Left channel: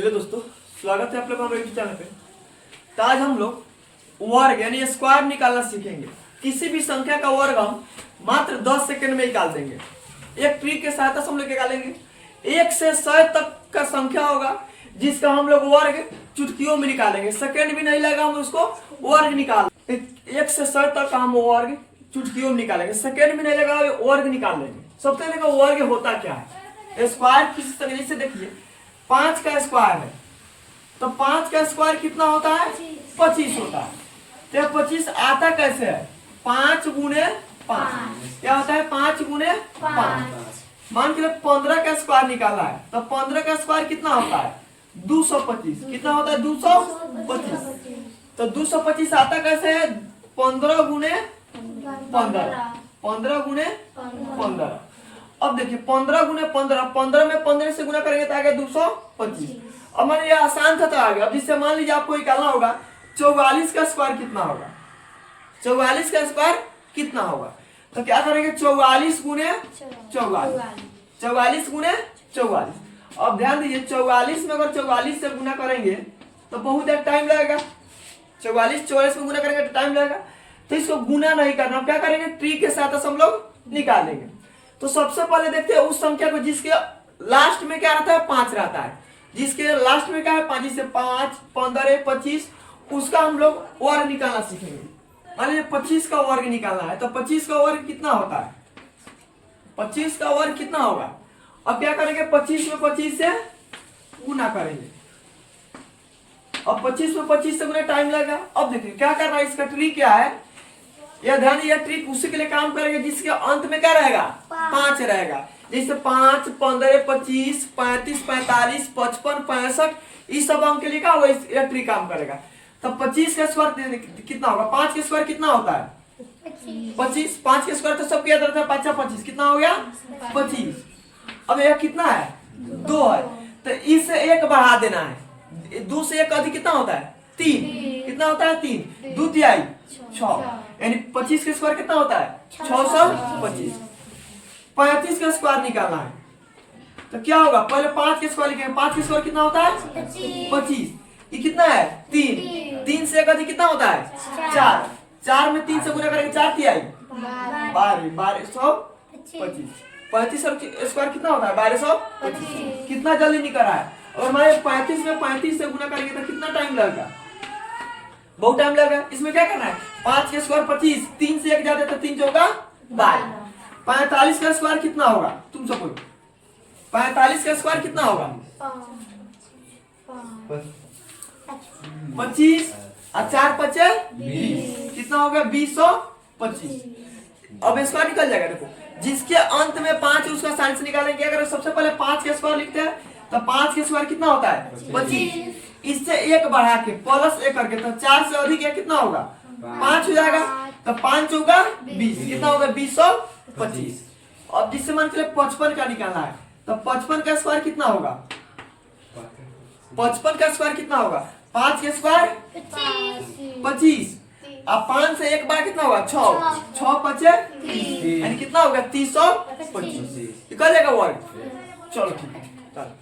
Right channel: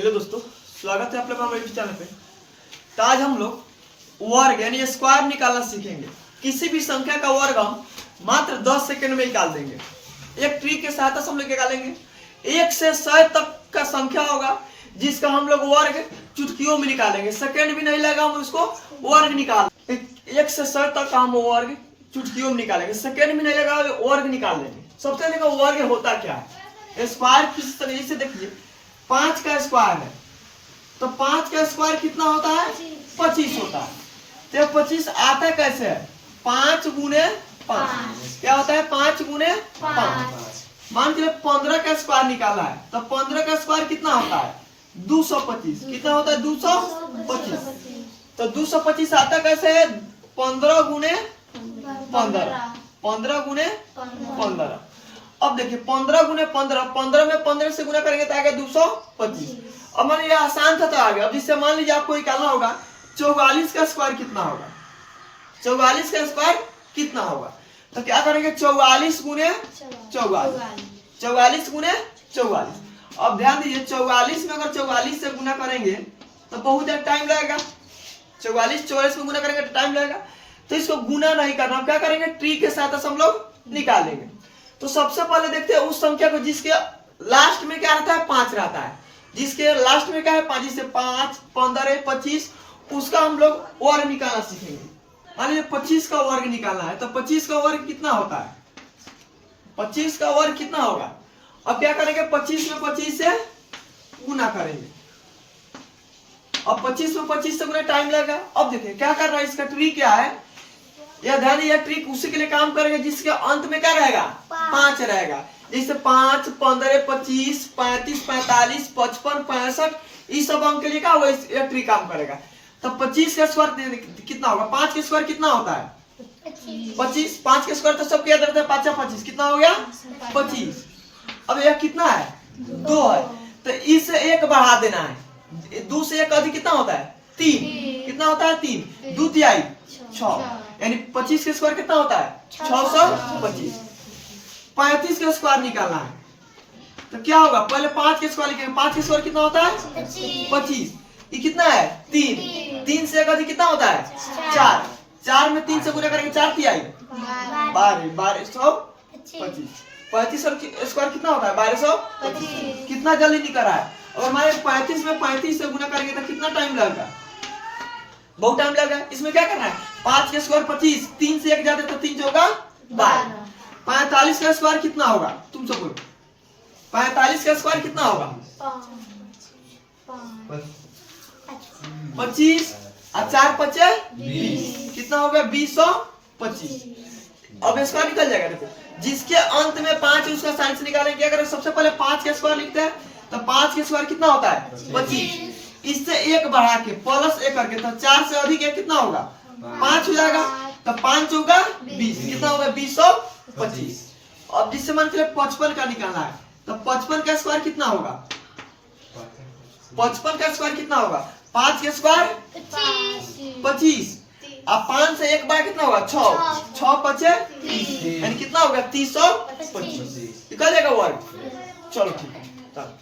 Hello दोस्तों, स्वागत है आप लोग हमारे यूट्यूब चैनल पे। तो आज हम लोग वर्ग यानी स्क्वायर निकालना सीखेंगे। किसी भी संख्या का वर्ग हम मात्र 10 सेकंड में निकाल देंगे। एक ट्रिक के सहायता से हम लोग निकालेंगे। 1 से 100 तक का संख्या होगा जिसका हम लोग वर्ग चुटकियों में निकालेंगे। सेकंड भी नहीं लगेगा, हम उसको वर्ग निकाल 1 से 100 तक का हम वर्ग चुटकियों में निकालेंगे। सेकंड भी नहीं लगेगा, वर्ग निकाल लेंगे। सबसे पहले वर्ग होता क्या है? स्क्वायर किस तरीके से देखिए, 5 का स्क्वायर है तो 5 का स्क्वायर कितना होता है? 25 होता है। तो 25 आता कैसे है? 5 गुने 5 क्या होता है? 5 गुने 5। मान के 15 का स्क्वायर निकाला है तो 15 का स्क्वायर कितना होता है? 225। कितना होता है? 225। तो 225 आता कैसे है? 15 गुने 15। 15 गुने 15। अब देखिए 15 गुने 15, 15 में 15 से गुना करेंगे तो आ गया 225। अब मान लीजिए आसान था तो आ गया। अब जिससे मान लीजिए आपको निकालना होगा 44 का स्क्वायर कितना होगा? 44 का स्क्वायर कितना होगा? तो क्या करेंगे? 44 गुने 44। 44 गुने 44। अब ध्यान दीजिए 44 में अगर 44 से गुना करेंगे तो बहुत देर टाइम लगेगा। 44 में गुना करेंगे तो टाइम लगेगा। तो इसको गुना नहीं करना, हम क्या करेंगे? ट्री के साथ हम लोग निकालेंगे। तो सबसे पहले देखते हैं उस संख्या को जिसके लास्ट में क्या रहता है? 5 रहता है। जिसके लास्ट में क्या है? 5। जिससे 5, 15, 25 उसका हम लोग वर्ग निकालना सीखेंगे। मान लीजिए 25 का वर्ग निकालना है तो 25 का वर्ग कितना होता है? 25 का वर्ग कितना होगा? अब क्या करेंगे? 25 में 25 से गुना करेंगे। अब 25 में 25 से गुना टाइम लगेगा। अब देखिए क्या करना है, इसका ट्रिक क्या है? यह ध्यान, यह ट्रिक उसी के लिए काम करेंगे जिसके अंत में क्या रहेगा? 5 रहेगा। जैसे 5, 15, 25, 35, 45, 55, 65 इस सब अंक के लिए क्या होगा? यह ट्रिक काम करेगा। तब 25 का स्क्वायर कितना होगा? 5 का स्क्वायर कितना होता है? 25। 5 का स्क्वायर तो सबको याद रहता है, 5 25 कितना हो गया? 25। अब यह कितना है? 2 है तो इससे 1 बढ़ा देना है। 2 से 1 अधिक कितना होता है? 3। कितना होता है? 3। 2 तिहाई 6, यानी 25 का स्क्वायर कितना होता है? 625। 35 का स्क्वायर निकालना है तो क्या होगा? पहले 5 के स्क्वायर लिखेंगे। 5 के स्क्वायर कितना होता है? 25। ये कितना है? 3। 3 से 1 अधिक कितना होता है? 4। 4 में 3 से गुना करेंगे 4 तिहाई 12। 1225। 35 का स्क्वायर कितना होता है? 1225। कितना जल्दी निकल रहा है? और हमारे 35 में 35 से गुना करेंगे तो कितना टाइम लगेगा? बहुत टाइम लगेगा। इसमें क्या करना है? 5 के स्क्वायर 25, 3 से 1 जाते तो 3 चौका 12। 45 का स्क्वायर कितना होगा? तुम सब बोलो 45 का स्क्वायर कितना होगा? 25 और 4 5 20 कितना हो गया? 2025। अब स्क्वायर निकल जाएगा। देखो जिसके अंत में 5 है उसका साइन से निकालेंगे। अगर सबसे पहले 5 का स्क्वायर लिखते हैं तो 5 का स्क्वायर कितना होता है? 25। इससे 1 बढ़ा के प्लस 1 करके तो 4 से अधिक है कितना होगा? 5 हो जाएगा। तो 5 होगा 20। कितना होगा? 225। अब जिससे मान चले 55 का निकालना है तो 55 का स्क्वायर कितना होगा? 55 का स्क्वायर कितना होगा? 5 का स्क्वायर 25। अब 5 से 1 बार कितना होगा? 6। 6 5 30, यानी कितना होगा? 325। निकल जाएगा वर्ग। चलो ठीक है। चलो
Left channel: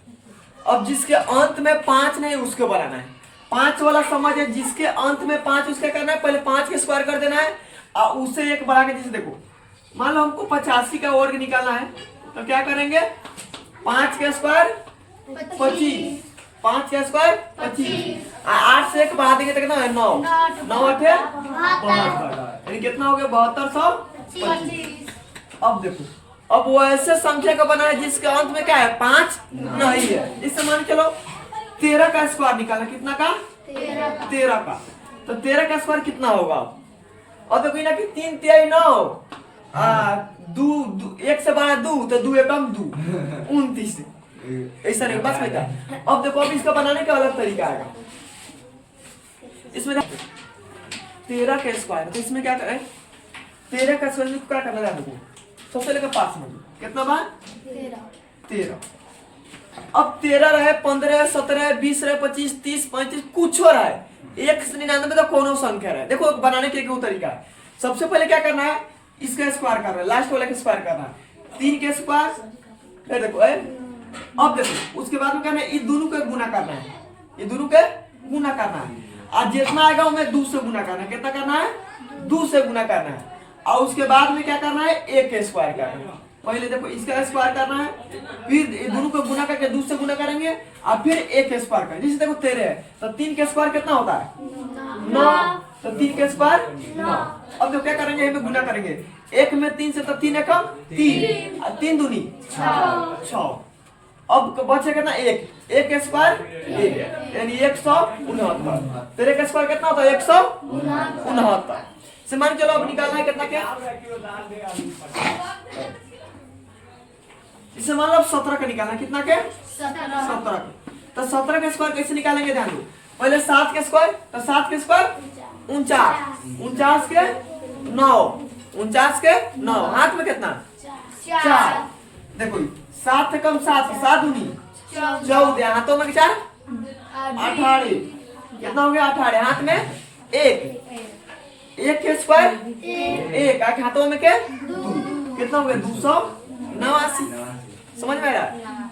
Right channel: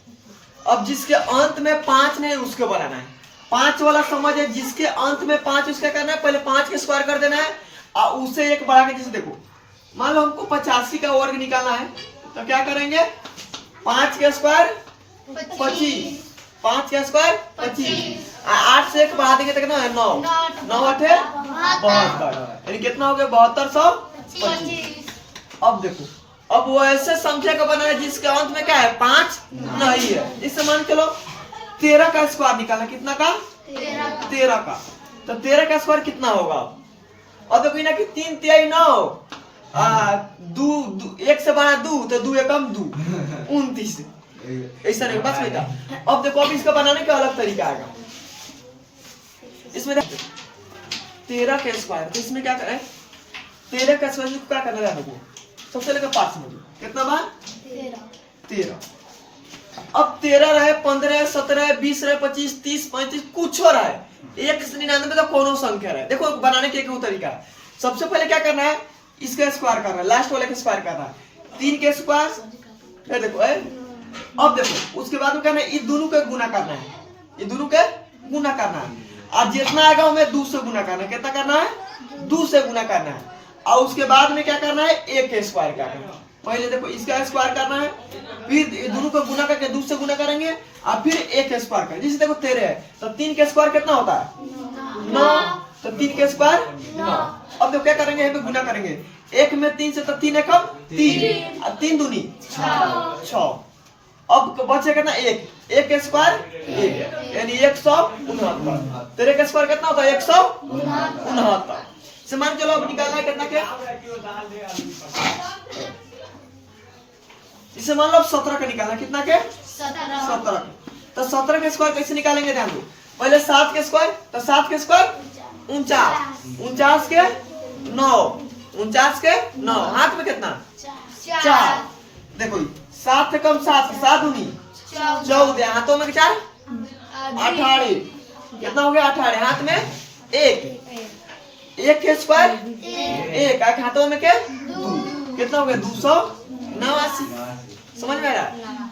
अब जिसके अंत में 5 नहीं उसको बनाना है। 5 वाला समझ है, जिसके अंत में 5 उसका करना है। पहले 5 के स्क्वायर कर देना है और उससे 1 बढ़ा के, जैसे देखो मान लो हमको 85 का वर्ग निकालना है तो क्या करेंगे? 5 का स्क्वायर 25। 5 का स्क्वायर 25। 8 से 1 बढ़ा देंगे तो कितना है? 9। 9 8 72, यानी कितना हो गया? 7225। अब देखो, अब वो ऐसे संख्या का बना है जिसके अंत में क्या है? 5 नहीं है। इससे मान के लो 13 का स्क्वायर निकाला। कितना का? 13 का। तो 13 का स्क्वायर कितना होगा? और देखो ना कि 3 तिहाई 9, 1 से बना 2 तो 2 एकम 2 29। ऐसा नहीं बस बेटा। अब देखो अब इसका बनाने का अलग तरीका आएगा। इसमें 13 का स्क्वायर तो इसमें क्या करें? 13 का स्क्वायर में क्या करना है? सबसे लेकर 5 में कितना बार? 13। अब 13 रहे, 15, 17, 20 रहे, 25, 30, 35 कुछ हो रहा है। 1 से 99 तो कौन संख्या रहे। देखो बनाने के एक तरीका है। सबसे पहले क्या करना है? इसका स्क्वायर करना है, लास्ट वाले का स्क्वायर करना है। 3 के स्क्वायर देखो अब देखो उसके बाद में कहना है ये दोनों के गुना करना है, ये दोनों के गुना करना है और जितना आएगा हमें 2 से गुना करना है। कितना करना है? 2 से गुना करना है और उसके बाद में क्या करना है? 1 के स्क्वायर करना है। पहले देखो इसका स्क्वायर करना है, फिर ये दोनों को गुना करके 2 से गुना करेंगे और फिर 1 के स्क्वायर करेंगे। जैसे देखो 13 है तो 3 के स्क्वायर कितना होता है? 9। तो 3 के स्क्वायर 9। अब देखो क्या करेंगे? यहाँ पे गुना करेंगे 1 में 3 से तो 3 है कम 3 और 3 दूनी 6। अब बचे कितना? 1 के स्क्वायर 1 यानी 169। 13 के स्क्वायर कितना होता है? 169। से मान चलो अब निकालना है कितना क्या? इसे मान लो अब 17 का निकालना है। कितना के? 17। तो 17 के स्क्वायर कैसे निकालेंगे? ध्यान दो। पहले 7 के स्क्वायर, तो 7 के स्क्वायर 49, 49 के 9, 49 के 9। हाथ में कितना? 4। देखो 7 से कम 7, 7 दूनी 14, हाथों में 4 18। कितना हो गया? 18। हाथ में 1 के स्क्वायर 1 हाथों में के 2। कितना हो गया? 289। समझ में आया?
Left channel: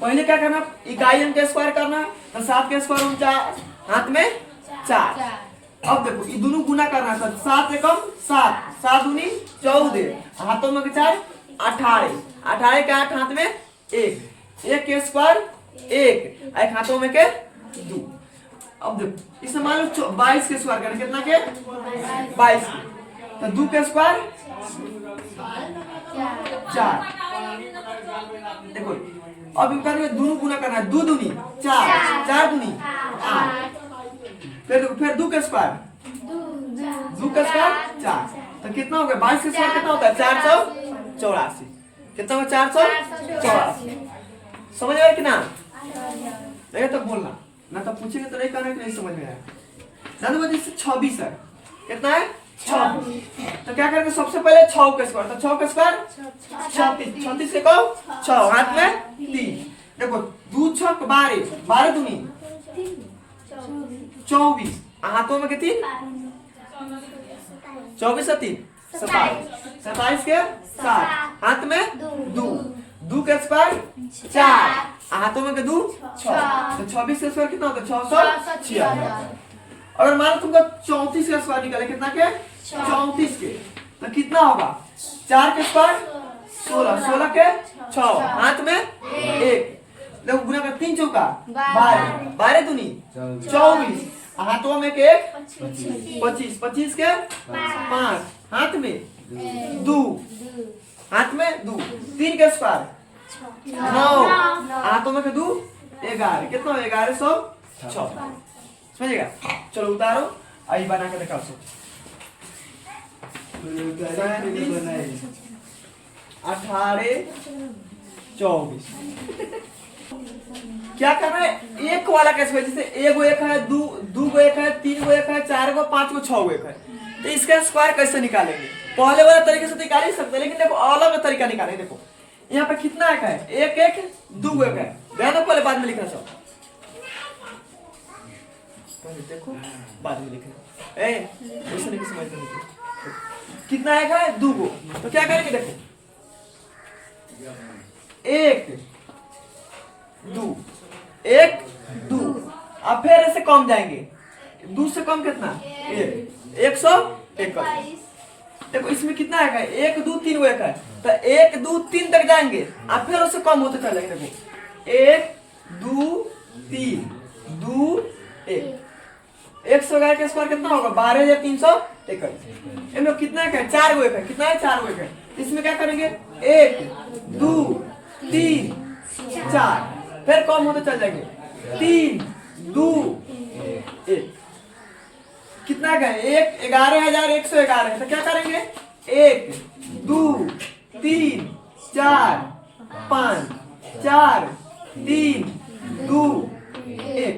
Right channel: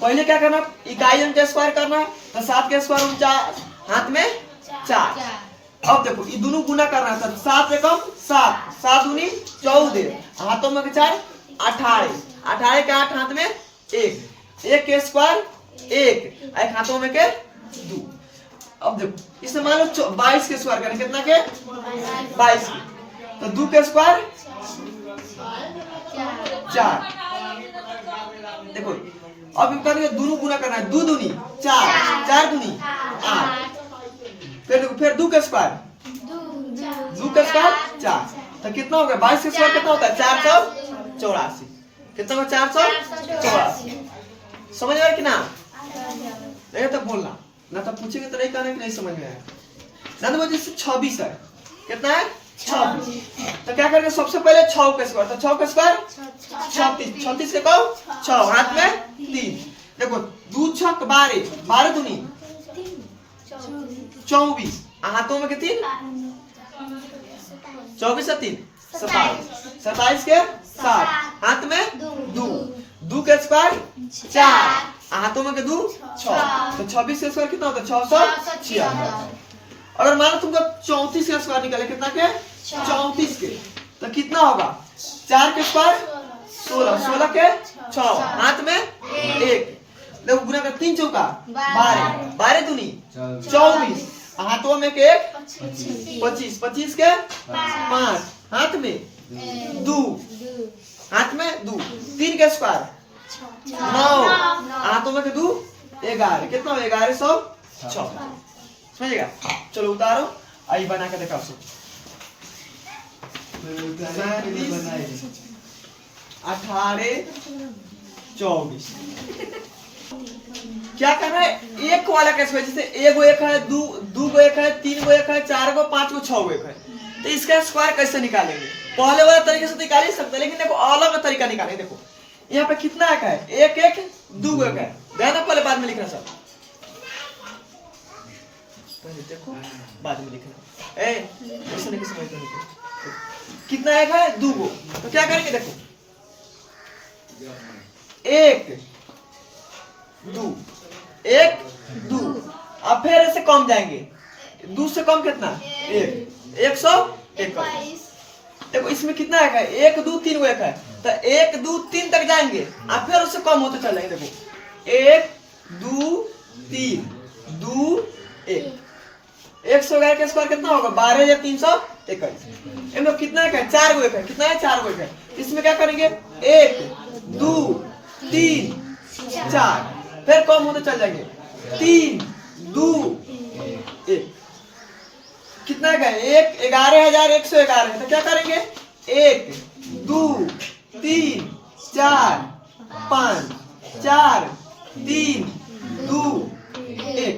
पहले क्या करना? इकाई अंक के स्क्वायर करना है। तो 7 के स्क्वायर 49, हाथ में 4। अब देखो ये दोनों गुना करना है। तो 7 से कम 7, 7 दूनी 14, हाथों में 4 18, 18 के 8, हाथ में 1 के स्क्वायर 1 हाथों में के 2। अब देखो इसमें मान लो 22 के स्क्वायर करना। कितना के? 22 के। तो 2 के स्क्वायर 4। देखो अब करेंगे दोनों गुना करना है। 2 दूनी 4, 4 दूनी 8। फिर 2 के स्क्वायर 2 के स्क्वायर 4। तो कितना हो गया? 22 के स्क्वायर कितना होता है? 484। कितना होगा? 484। समझ आया कि ना? नहीं तो बोलना, ना तो पूछेंगे तो नहीं कहना कि नहीं समझ में आया। ना तो मुझे 26 है। कितना है? 26। तो क्या करेंगे? सबसे पहले 6 के स्क्वायर। तो 6 के स्क्वायर 36, 36 के कहो 6, हाथ में 3। देखो 2 6 12, 12 दूनी 24, हाथों में के 3, 24 से 3 27, 27 के 7, हाथ में 2 के स्क्वायर 4, हाथों में के 2 6। तो 26 के स्क्वायर कितना होता है? 676। अगर मानो तुमको 34 के स्क्वायर निकाले। कितना के? 34 के। तो कितना होगा? 4 के स्क्वायर 16, 16 के 6, हाथ में 1। देखो गुना कर 3 चौका 12, 12 दूनी 24, हाथों में के 1 25, 25 के 5, हाथ में 2, हाथ में 2। 3 के स्क्वायर 9, हाथों में के 2 11। कितना हो? 1106। समझेगा? चलो उतारो, आई बना के दिखाओ। 18 24। क्या करना है? एक वाला कैसे? जैसे 1 है 2 1 है 3 1 है 4 5 6 1 है। तो इसका स्क्वायर कैसे निकालेंगे? पहले वाला तरीके से निकाल ही सकते, लेकिन देखो अलग तरीका निकालेंगे। देखो यहाँ पे कितना एक है? 1 1 2 1 है। ध्यान पहले बाद में लिखना सब। देखो बाद में लिखना। वैसे नहीं समझ में। कितना एक है? 2 गो। तो क्या करेंगे? देखो 1 2 1 2। अब फिर ऐसे कम जाएंगे। 2 से कम कितना? 1 121। देखो इसमें कितना एक है? 1 2 3 1 है। तो 1 2 3 तक जाएंगे और फिर उससे कम होते चल जाएंगे। देखो 1 2 3 2 1। 111 के स्क्वायर कितना होगा? 12321। इनमें कितना है? 4 गो एक है। कितना है? 4 गो एक है। इसमें क्या करेंगे? 1 2 3 4, फिर कम होते चल जाएंगे। 3 2 1। कितना है? 1 11,111 है। तो क्या करेंगे? 1 2 3 4 5 4 3 2 1।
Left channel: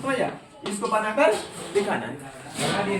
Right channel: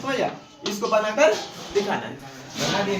समझ गया? इसको बनाकर दिखाना है। बना दिए।